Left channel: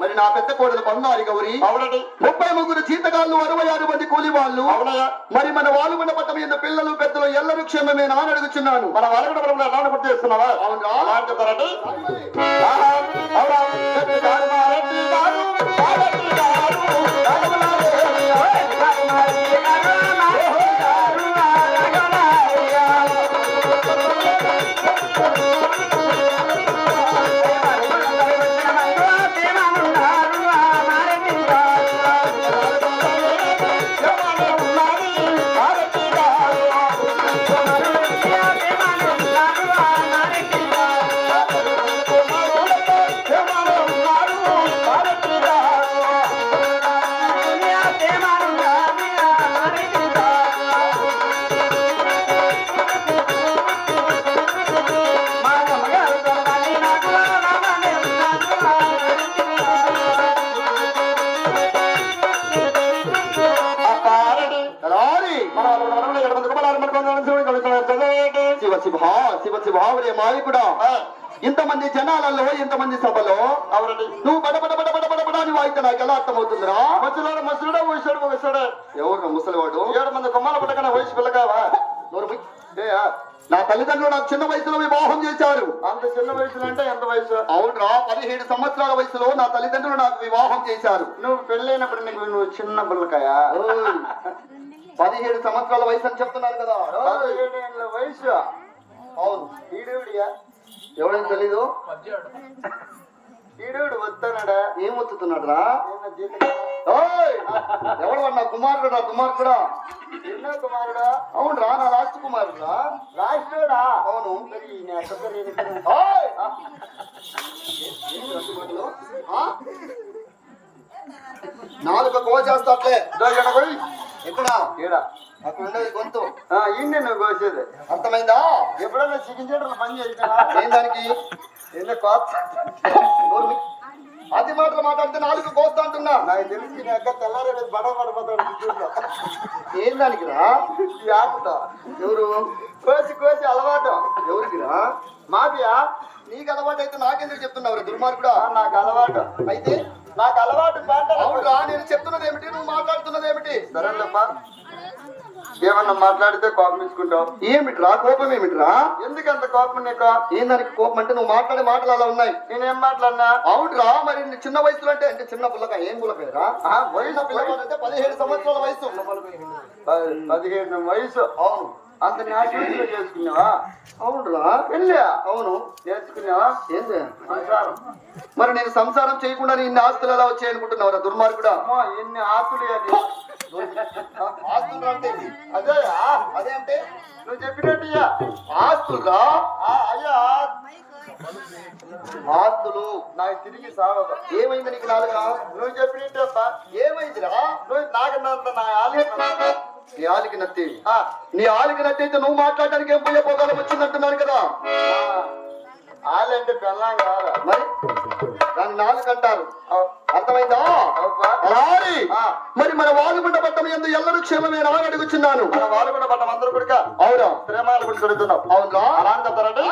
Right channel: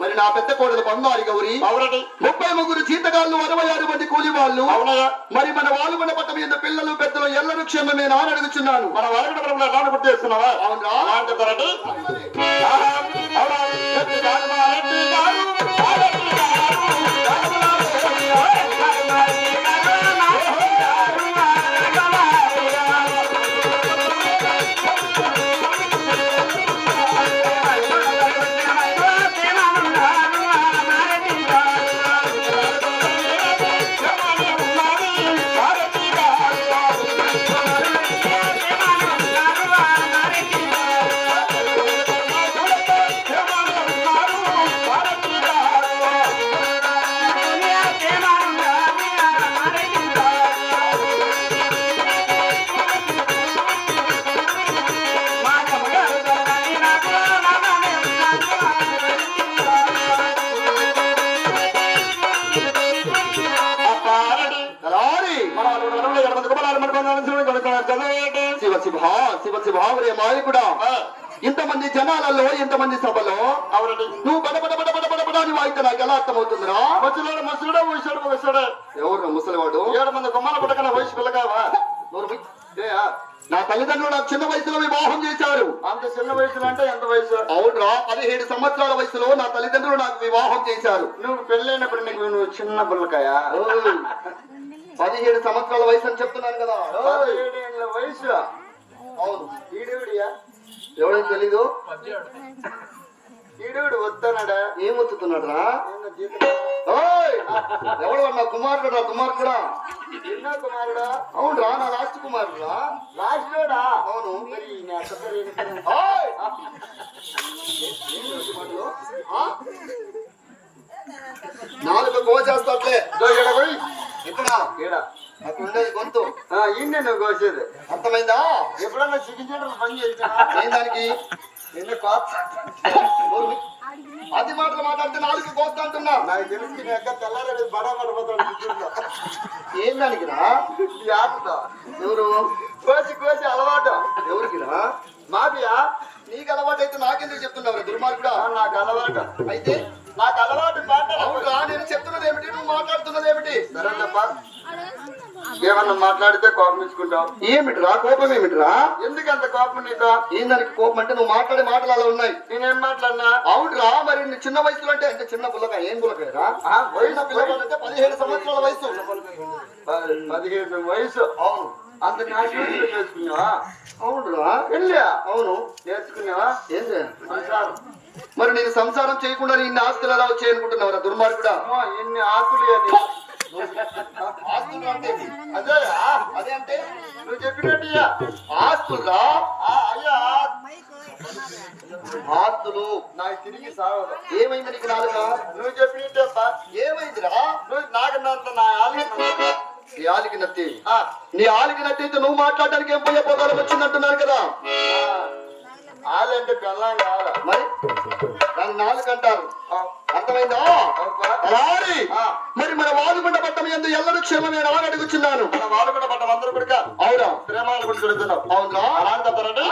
మరి నా పెద్ద కోడలు బంగారు గౌరి 33 జీతగాళ్ళు 66 మంది కూలి వాళ్ళు మరి మన వాళ్ళు ఉన్న పట్టం ఎంత పిల్లలు పెద్దలు ఎల్లరూ క్షేమమే నాని అడుగుచున్నాను. మన వాళ్ళ గుర్తు చేస్తున్నావా? మాలికుడా ఇంతమంది జనాలలో ఇంతమంది సభలో నువ్వు బడబడబడబడబడని వాయితే నాకు ఎలా అర్థమవుతుందిరా? మధ్యలో మసుడా వయసాడు ఎవరు ముసలివాడు 7 మంది కొమ్మల పట్టకన వయసు పిల్లగావా? నా తల్లిదండ్రులు నాకు చిన్న వయసులో వివాహం చేశారు. అంత చిన్న వయసులో అంటే ఎంత వయసు? అవునురా 17 సంవత్సరాల వయసులో నా తల్లిదండ్రులు నాకు వివాహం చేశారు. నువ్వు పెళ్ళైనప్పుడు నువ్వు చిన్న పిల్లకాయా? 17 సంవత్సరాల వయసు అని చెప్తున్నాను కదా. 17 ఏళ్ళ వయసు. అవును. ఈడేవుడియా? ఎవడని తెలీదు. ఈడేవుడు వస్తున్నాడా? ఏం వస్తున్నాడు రా? ఎవడు నా కుమారుడు? నా కుమారుడా? ఎన్నో కుమారుడా? అవును రా, నా లాస్ట్ కుమారుడా. లాస్ట్ రోడా? అవును. నాలుగు కోసేస్తాట్లే. ఇక్కడ అక్కడ ఉండేది గొంతు ఈయన నువ్వు కోసేది. అర్థమైందా? ఎప్పుడన్నా చికెన్ చేయడం పని చేసినా ఏం దానికి అది మాటలు మాట్లాడితే నాలుగు కోస్తా అంటున్నా. నాకు తెలిసి నీ అక్క తెల్లారి బడా పడిపోతాడు. ఏం దానికి రా? ఈ ఆటతో ఎవరు కోసి అలవాటు ఎవరికి రా? మాఫియా. నీకు అలవాటు అయితే నాకెందుకు చెప్తున్నావు దుర్మార్గుడా? నాకు అలవాటు అయితే నాకు అలవాటు. అవునురా, నేను చెప్తున్నది ఏమిటి, నువ్వు మాట్లాడుతున్నది ఏమిటి? సరేనమ్మా, ఏమన్నా మాట్లాడితే కోపం తీసుకుంటావు. ఏమిటిరా కోపం? ఏమిటిరా? ఎందుకంత కోపం నీకు? ఏం దానికి కోపం అంటే నువ్వు మాట్లాడే మాటలు అలా ఉన్నాయి. నేనేం మాట్లాడినా? అవునురా, మరి చిన్న వయసులో అంటే చిన్న పిల్లగా ఏం పిల్లకాయరా? వయసు పిల్లలు అంటే 17 సంవత్సరాల వయసు. 17 వయసు. అవును. అంత నాశనం చేసుకున్నావా? అవునురా. వెళ్ళా? అవును. చేసుకున్నావా? ఏంది సంసారం? మరి నేను సంసారం చేయకుండా ఇన్ని ఆస్తులు ఎలా వచ్చాయి అనుకుంటున్నావు దుర్మార్గుడా? ఎన్ని ఆస్తులు ఆస్తులు అంటే అదే అదే అంటే నువ్వు చెప్పినట్టు ఆస్తులురా. అయ్యా ఆస్తులు నాకు తిరిగి సాగదు. ఏమైంది నీకు? నాలుగా నువ్వు చెప్పినట్టు ఏమైందిరా? నువ్వు నాకన్నంత నా నీ ఆలికి నత్తి. నీ ఆలికి నత్తి అయితే నువ్వు మాట్లాడడానికి ఏం పోయే పోగాలం వచ్చిందంటున్నాను కదా. ఆలి అంటే బెల్లం కాదు, మరి దాన్ని నాలుగు అంటారు. అర్థమైందా? మరి మన వాలుగుండ పట్టం ఎందు ఎల్లరూ క్షేమమే అని అడుగుచున్నాను. మన వాలుగుండ పట్టం అందరూ కూడా అవునా ప్రేమాలు కూడా చూడుతున్నావు. అవునా అలా అని చెప్తారండి.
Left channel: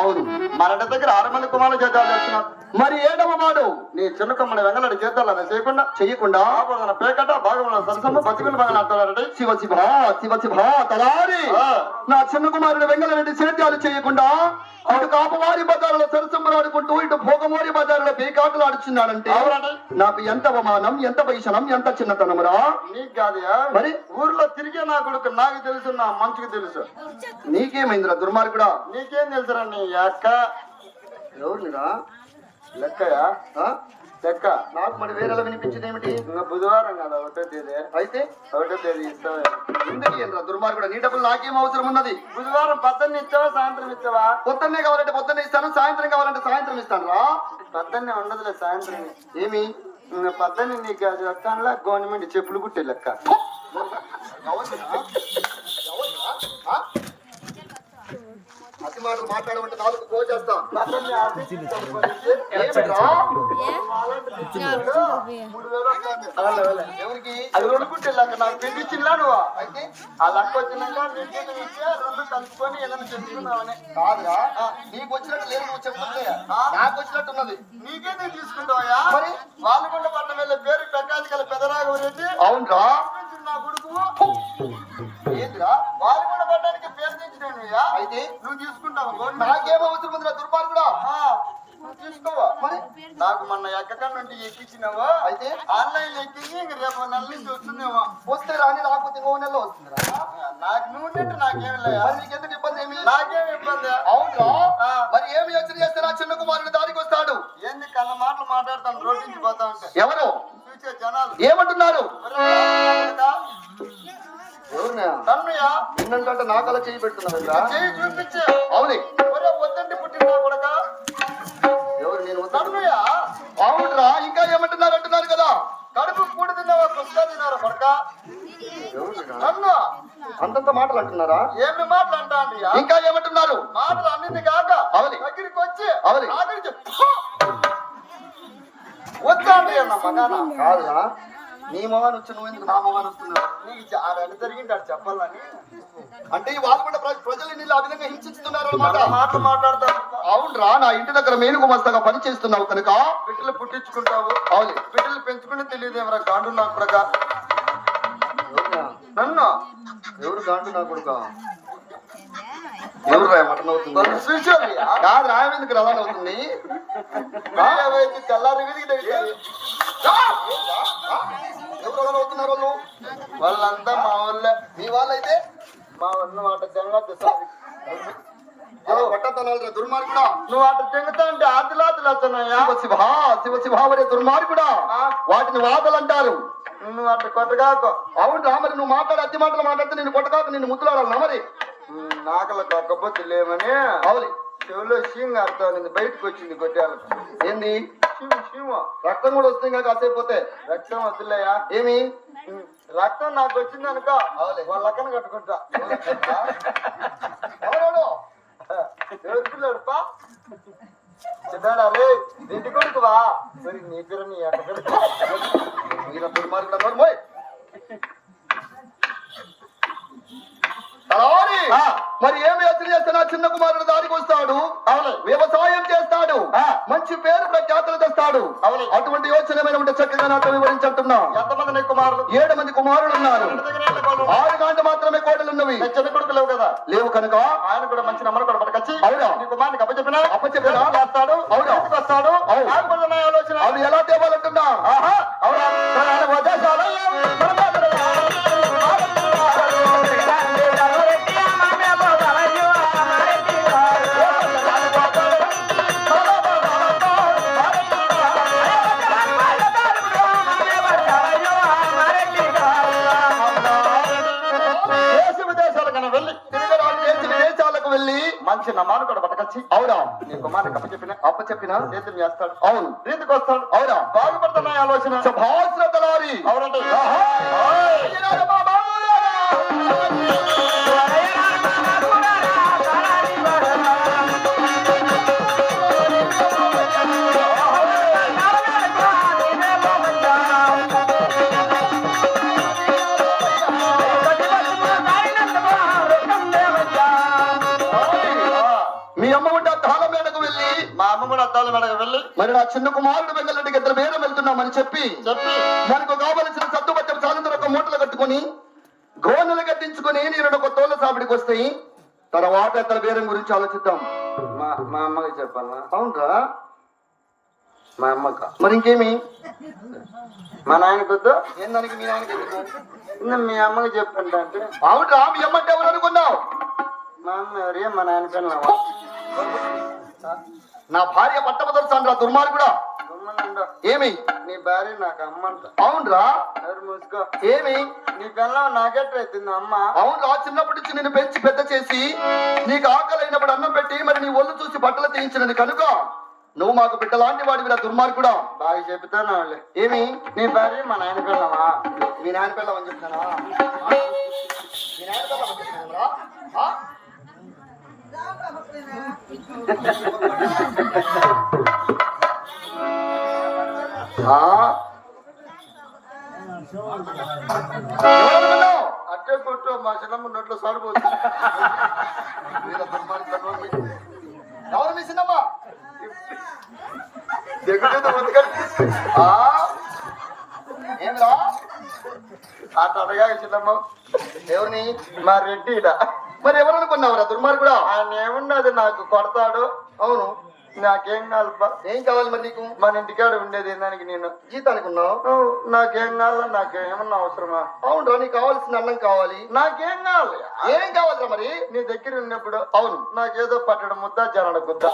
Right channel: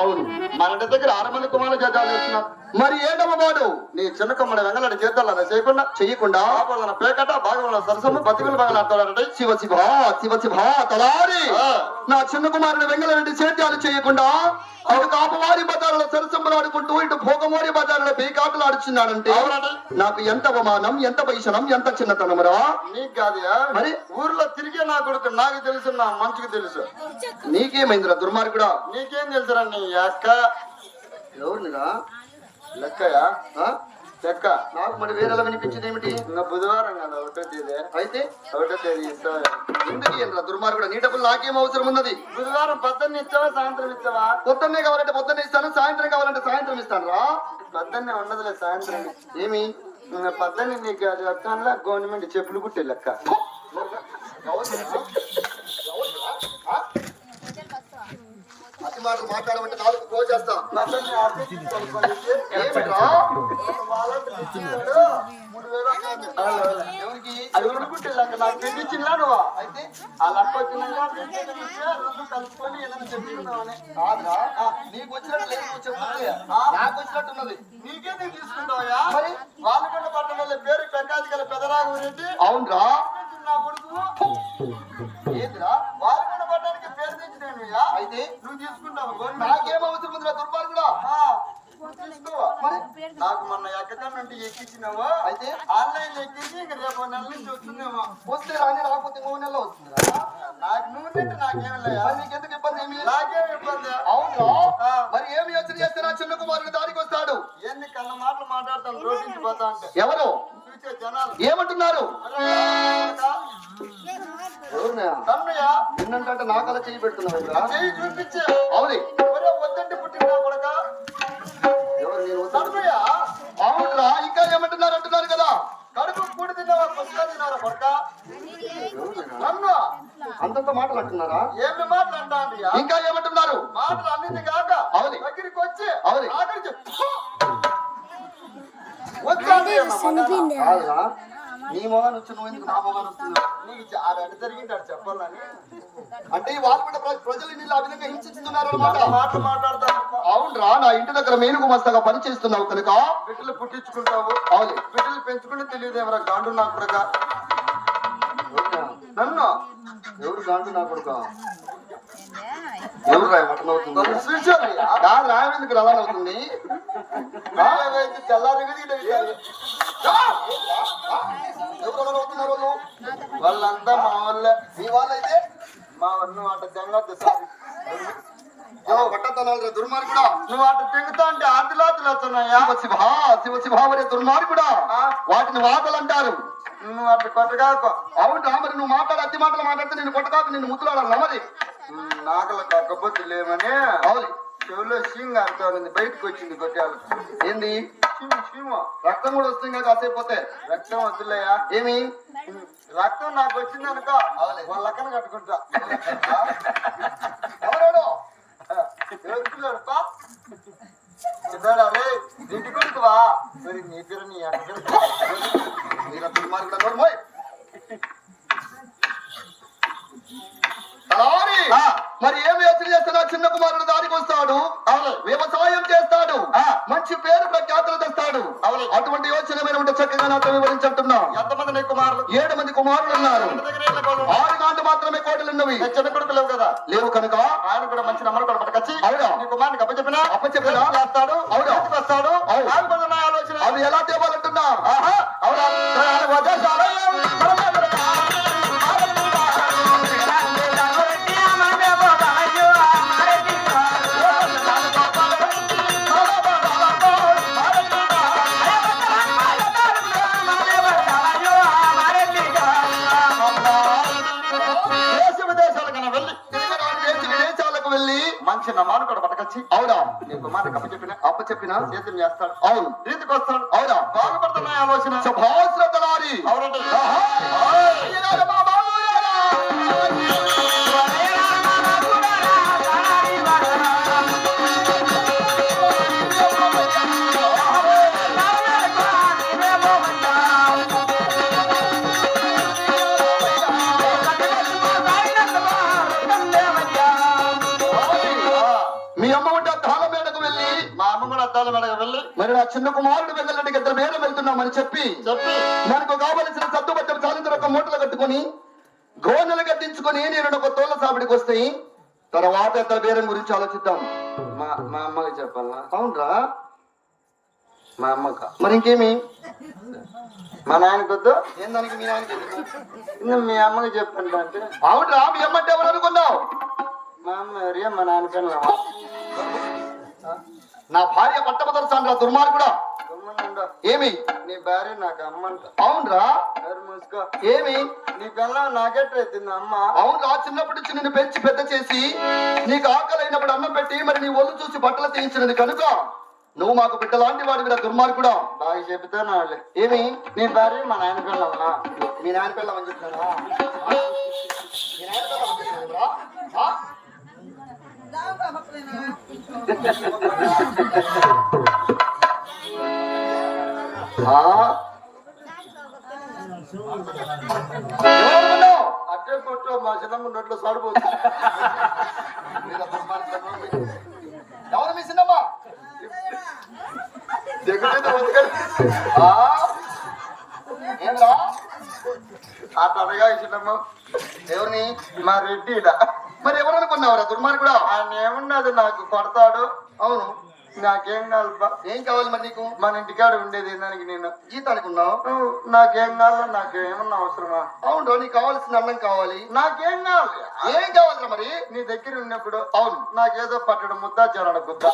అవును, మన ఇంటి దగ్గర 6 మంది కుమారులు చేద్దాం వచ్చినారు. మరి ఏంటమ్మ వాడు నీ చిన్న కమ్మడి వెంగళాడు చేద్దాం చేయకుండా పేకట భాగంలో సరసమ్మ బతికులు బాగా నాటాడంటే శివ శివ శివ శివ తలారి నా చిన్న కుమారుడు వెంగళరెడ్డి సేద్యాలు చేయకుండా అటు కాపవారి బజారులో సరసమ్మలు ఆడుకుంటూ ఇటు భోగమోరి బజారులో పేకాటలు ఆడుచున్నాడంటే నాకు ఎంత అవమానం, ఎంత వైషణం, ఎంత చిన్నతనమురా. నీకు కాదయా, మరి ఊర్లో తిరిగే నా కొడుకు నాకు తెలుసు, నా మంచికి తెలుసు. నీకేమైందిరా దుర్మార్గుడా? నీకేం తెలుసురా నీ అక్క ఎవరినిరా? లెక్కయా లెక్క. నాకు మరి వేరేలా వినిపించింది ఏమిటి? ఇంకా బుధవారం కదా 1వ తేదీ. అయితే 1వ తేదీ ఇస్తావా? ఎందుకు ఏంట్రా దుర్మార్గుడా? నీ డబ్బులు నాకేం అవసరం ఉన్నది? బుధవారం పొద్దున్న ఇస్తావా సాయంత్రం ఇస్తావా? పొద్దున్నే కావాలంటే పొద్దున్నే ఇస్తాను, సాయంత్రం కావాలంటే సాయంత్రం ఇస్తాను రా. పొద్దున్నే ఉండదులే, సాయంత్రం. ఏమి పొద్దున్న నీకు అది లెక్క గవర్నమెంట్ చెప్పులు కుట్టే లెక్క. అతి మాటలు మాట్లాడమంటే నాలుగు కోచేస్తా. ఎవరికి? అది కొనుక్కుంటే లెక్క నాకు తెప్పించినా నువ్వు. అయితే ఆ లెక్క వచ్చినాక రెండు కలుపుకొని ఏదైనా చెప్తున్నావని కాదురా, నీకు వచ్చినట్టు లేదు చెప్తుంది, నాకు వచ్చినట్టున్నది. నీకేదే తీసుకుంటావా? మరి వాళ్ళగొండ పట్టణం వెళ్ళే పేరు పెక్కాది గల పెదరాఘవరెడ్డి. అవునరా? నా కొడుకు ఏందిరా? వాళ్ళగొండ పట్టణానికి పేరు తెచ్చినావుయా? అయితే నువ్వు తీసుకుంటావు. నాకేం అవసరం ఉంది దుర్మార్గుడా? తీసుకోవా? మరి నాకు మొన్న ఎక్కకన్నంటే ఎక్కించినావా? అయితే ఆన్లైన్ ఎక్కించి ఇంక రేపు నెల నుంచి వస్తుందేమో. వస్తే రాని, రాకపోతే 3 నెలలు వస్తుందిరా. నాకు నువ్వు నాకేం లేదా? నీకు ఎందుకు ఇబ్బంది? ఏమి నాకేం ఇబ్బంది? అవునా? మరి ఏమి యోచన చేస్తే నా చిన్న కుమారుడు దారికి వస్తాడు? ఏంది కళ్ళ మాటలు మాట్లాడతాను రోడ్డు నుంచి పోతా అంటే ఎవరు చూసే జనాలు ఏమంటున్నారు? తన్మయ్యా నిన్నంటే నా కళ చేయి పెడుతున్నావురా? చెయ్యి చూపించే. అవునే. వద్దంటే పుట్టినా కొడక. ఎవరు? నేను తన్మయ్యా అవునురా, ఇంకా ఏమంటున్నారు అంటున్నారు కదా. కడుపు కూడి తిన్నావా పుస్తకా తిన్నారా కొడక? నన్ను అంతంత మాటలు అంటున్నారా? ఏమి మాటలు అంటా? ఇంకా ఏమంటున్నారు? మాటలు అన్నింది కాక అవును. దగ్గరికి వచ్చి అవును. ఆఖరికి వద్దాండి అన్న మగాన. కాదురా, నీ మొగాన్ని వచ్చి నువ్వు ఎందుకు నా మొగాన్ని వస్తున్నావు? నీకు ఆ రెండు జరిగింటాడు చెప్పాలని. అంటే వాళ్ళు కూడా ప్రజలు నీళ్ళు ఆ విధంగా హింసిస్తున్నారు అన్నమాట. మాటలు మాట్లాడతాను. అవునరా, నా ఇంటి దగ్గర మేలు గుమస్తగా పని చేస్తున్నావు కనుక బిడ్డలు పుట్టించుకుంటావు. అవును. బిడ్డలు పెంచుకుని తెలియదేమరా గాండు నా కొడక. నన్ను ఎవరు గాండు నా కొడుక? ఎవరు రాయ మటన్ అవుతుంది? కాదు ఎందుకు అలా అవుతుంది? తెల్లారి వీధికి తెలియాలి. ఎవరు అలా అవుతున్నారు వాళ్ళు? వాళ్ళంతా మా వాళ్ళే. మీ వాళ్ళైతే మా వాళ్ళు అట తెంగొద్దు సార్. పట్టతనాలు దుర్మార్గుడా. నువ్వు అటు తెంగుతా ఉంటే ఆదిలాదులు వస్తున్నాయా? శివ శివ శివావరే దుర్మార్గుడా. వాటిని వాదలు అంటారు. నువ్వు అటు కొట్టగాకు. అవును, మరి నువ్వు మాట్లాడే అతి మాటలు మాట్లాడితే నేను కొట్టగాకు, నిన్ను ముద్దులాడాలి మరి. నాకల కక్కపోతే లేమని అవును. చెవులో షీంగ్ ఆడుతుంది, బయటకు వచ్చింది కొట్టాలు. ఏంది? షీము రక్తం కూడా వస్తుంది కదా కాసేపోతే. రక్తం వద్దులేయా? ఏమి రక్తం నాకు వచ్చింది అనుకో వాళ్ళ అక్కన కట్టుకుంటా. ఎవరు? ఎవరు పిల్లడుపా చెప్పాడా? రే ఇంటి కొడుకువా? మరి నీ పేరు నీ అక్కడ దుర్మార్గుడు. మరి ఏమి యోచన చేస్తున్నా? చిన్న కుమారుడు దారికి వస్తాడు, వ్యవసాయం చేస్తాడు, మంచి పేరు ప్రఖ్యాతులు తెస్తాడు. అటువంటి యోచన ఉంటే చక్కగా నాతో వివరించుంటున్నా. ఎంతమంది కుమారులు? 7 మంది కుమారులు ఉన్నారు. 6 గంటలు మాత్రమే కోడలు ఉన్నవి. చిన్న కొడుకు లేవు కదా? లేవు కనుక ఆయన కూడా మంచి నమ్మకం కూడా పట్టుకొచ్చి అవునా నీ కుమారునికి అప్పచెప్పినా చేస్తాడు. అవునా వస్తాడు. ఆలోచన అవి ఎలా తేవాలంటున్నా? అవునా? మంచి నమ్మాను కూడా పట్టుకొచ్చి అవునా నీ కుమారునికి అప్పచెప్పినా చేతులు చేస్తాడు. అవును. రీతికి వస్తాడు. అవునా? బాగుపడుతున్నాయి ఆలోచన. భాస్రతలారి అవునండి. మీ అమ్మ ఉంటా అద్దాల మేడకు వెళ్ళి మా అమ్మ కూడా అద్దాల మేడకు వెళ్ళి మరి నా చిన్న కుమారుడు వెళ్ళడానికి ఇద్దరు వేరే వెళ్తున్నామని చెప్పి మనకు కావలసిన సత్తుబట్టం సాయంత్రం ఒక మూటలు కట్టుకొని గోనెలు కట్టించుకొని నేను ఒక తోళ్ళ సాపిడికి వస్తాయి. తర్వాత ఇద్దరు బేరం గురించి ఆలోచిద్దాం. మా అమ్మకి చెప్పాలా? అవునరా, మా అమ్మక మరి ఇంకేమి మా నాయనకొద్దు. ఏందానికి మీ నాయనకి మీ అమ్మకి చెప్పండి అంటే అవునరా, మీ అమ్మంటే ఎవరు అనుకున్నావు? మా అమ్మ ఎవరే? మా నాయన పిల్లవా? నా భార్య పట్టమదొరసాను దుర్మార్గుడా. ఏమి నీ భార్య నాకు అమ్మ అంట. అవునరా, ఎవరు మూసుకో. ఏమి నీ పిల్లవ నాకెట్లయితుంది అమ్మ? అవునరా, చిన్నప్పటి నుంచి నేను పెంచి పెద్ద చేసి నీకు ఆకలైనప్పుడు అన్నం పెట్టి మరి నీ ఒళ్ళు చూసి బట్టలు తీయించినది కనుక నువ్వు మాకు బిడ్డ లాంటి వాడివిరా దుర్మార్గుడా. బాగా చెబుతాను వాళ్ళే. ఏమి నీ భార్య మా నాయన పిల్లవా? మీ నాయన పిల్లమని చెప్తానా? మీ నాయన పిల్లమని చెప్తానురా? అట్టే కొట్టు, మా చిన్నమ్మ నోట్లో సరుపు. ఎవరు మీ చిన్నమ్మ? ఏమరా అట్లా అడగా చిన్నమ్మ. ఎవరిని? మా రెడ్డిడా. మరి ఎవరు అనుకున్నావురా దుర్మార్గుడా? ఆయన ఏమున్నది నాకు కొడతాడు. అవును, నాకేం కావాలప్ప? ఏం కావాలి మరి నీకు? మన ఇంటికాడ ఉండేది దానికి నేను జీతానికి ఉన్నావు. నాకేం కావాలి? నాకు ఏమన్నా అవసరమా? అవును, నీకు కావాల్సిన అన్నం కావాలి. నాకేం కావాలి? ఏం కావాలిరా మరి? నీ దగ్గర ఉన్నప్పుడు అవును, నాకేదో పట్టడం ముద్ద జనడ గుద్ద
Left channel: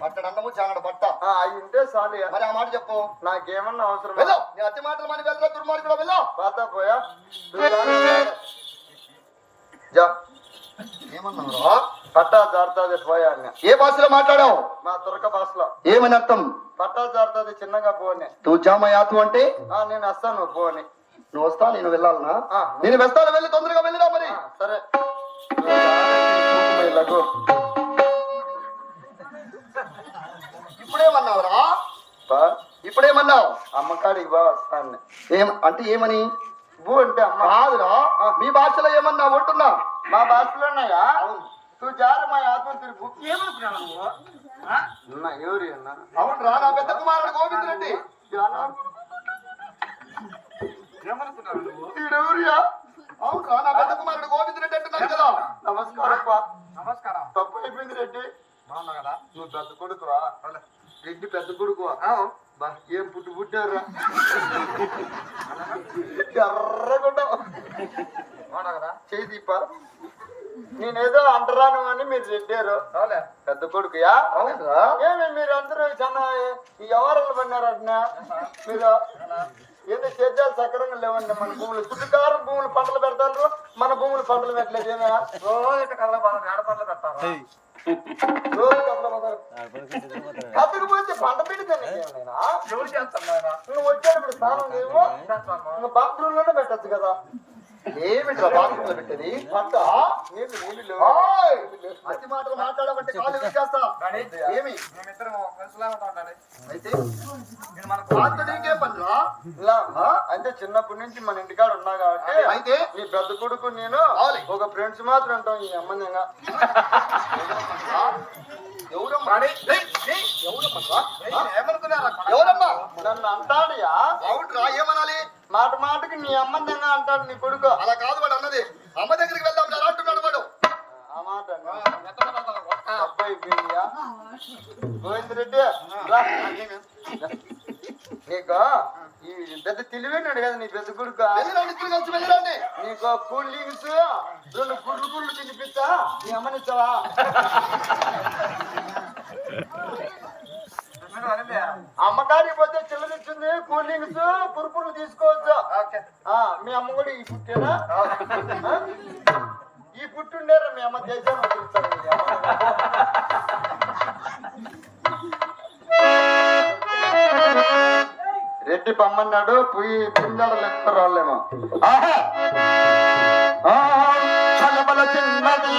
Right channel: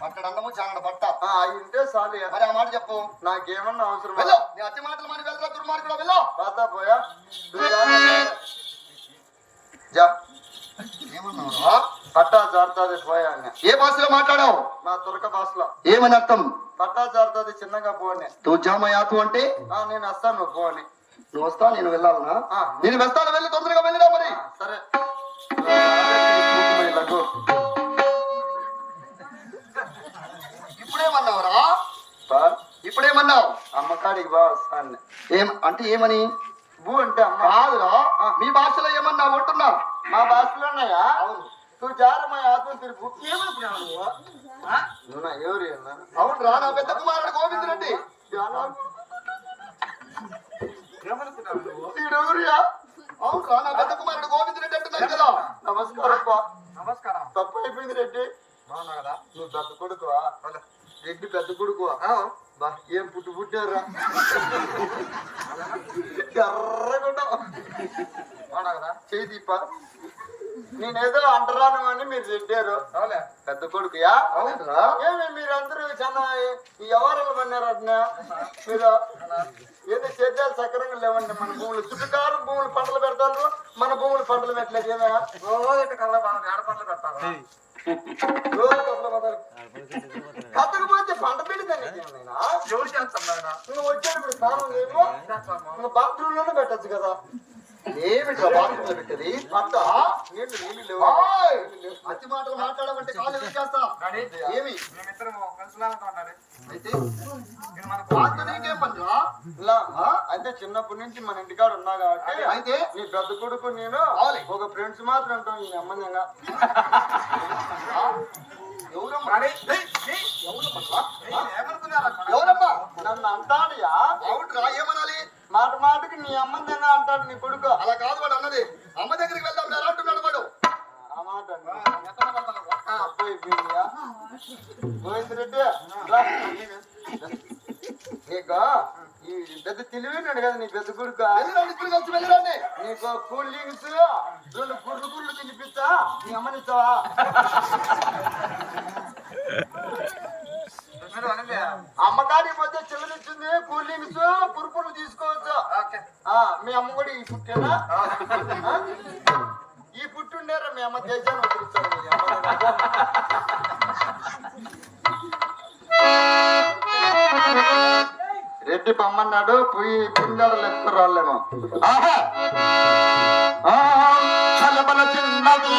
పట్టడు అన్నము చానడు బట్ట అవి ఉంటే చాలు. మరి ఆ మాట చెప్పు. నాకేమన్నా అవసరం? వెళ్ళు, నీ అతి మాటలు మని వెళ్ళరా దుర్మార్గుడా, వెళ్ళు. పాత పోయా ఏమన్నావురా? పట్టా జారుతుంది పోయా. ఏ భాషలో మాట్లాడావు? మా తురక భాషలో. ఏమని అర్థం? పట్టా జారుతుంది చిన్నగా పోని. తూ జామయాతు అంటే నేను వస్తాను పోని. నువ్వు వస్తా, నేను వెళ్ళాలనా? నేను వెళ్తాను, వెళ్ళి తొందరగా వెళ్ళిరా మరి. సరే. ఇప్పుడేమన్నావురా? ఇప్పుడేమన్నావు? అమ్మకాడికి బా వస్తాను. అంటే ఏమని? బూ అంటే అమ్మ కాదురా, మీ భాషలో ఏమన్నావు అంటున్నా? మా భాషలోన్నాయా? నువ్వు జారు మా ఆత్మహత్య బుక్ ఏమనుకున్నావు? ఎవరు అవునరా, నా పెద్ద కుమారుడు గోవింద్ రెడ్డి. అవునరా, నా పెద్ద కుమారుడు గోవింద్ రెడ్డి అంటున్నాను కదా. నమస్కారం. నమస్కారం. తప్పు అయిపోయింది రెడ్డి. నువ్వు పెద్ద కొడుకువా? రెడ్డి పెద్ద కొడుకువా? ఏం పుట్టారా? ఎర్రగుండా చేదీప. నేనేదో అంటరాను అని మీరు చెప్పారు. పెద్ద కొడుకుయా? ఏమి మీరందరూ చాలా ఎవరు పడినారన్నా? మీరు ఏదో సేద్యాలు సక్రంగా లేవండి. మన భూములు చుట్టుకారం భూములు పంటలు పెడతారు, మన భూములు పంటలు పెట్టలేదు. రోజు కళ్ళ పంటలు పెడతారు. కత్తకపోతే పంట పెడితేనే ఎవరు చేస్తాను? నువ్వు వచ్చేటప్పుడు స్నానం ఏమో నువ్వు బాత్రూమ్ లోనే పెట్టచ్చు కదా. ఏమిట్రా బాత్రూంలో పెట్టేది? పంట నీళ్ళు నీళ్ళు లేవు. అతి మాటలు మాట్లాడమంటే కాళ్ళు విచ్చేస్తా. ఏమి అయితే నీకేం పనిరా? ఇలా అంటే చిన్నప్పటి నుంచి మన ఇంటికాడ ఉన్నా కాబట్టి అయితే నీ పెద్ద కొడుకు నేను ఒక ఫ్రెండ్స్ మాత్రం ఉంటాం. ఈ అమ్మందంగా ఎవరమ్మా? నన్ను అంటాడుయా? అవుట్రా, ఏమనాలి? మాట మాటకి నీ అమ్మందంగా అంటాడు నీ కొడుకు. అలా కాదు వాడు అన్నది. అమ్మ దగ్గరికి వెళ్దాం అంటున్నాడు వాడు. ఆ మాట అబ్బాయి గోవిందరెడ్డి నీకు ఈ పెద్ద తెలివైనాడు కదా నీ పెద్ద కొడుకు. కలిసి వెళ్ళండి. నీకు కూల్ డ్రింక్స్ 2 గుర్రు తినిపిస్తా. నీ అమ్మనిస్తావా? అమ్మకాడికి పోతే చిల్లరిచ్చింది కూల్ డ్రింక్స్ కురుకులు తీసుకోవచ్చు. మీ అమ్మ కూడా ఈ పుట్టేనా? ఈ పుట్టుండేరా మీ అమ్మ దేశాన్ని వదిలిస్తాను. రెడ్డి పమ్మన్నాడు పోయి కిందాడ లెక్క రాళ్ళేమో. ఆహా, చిన్నది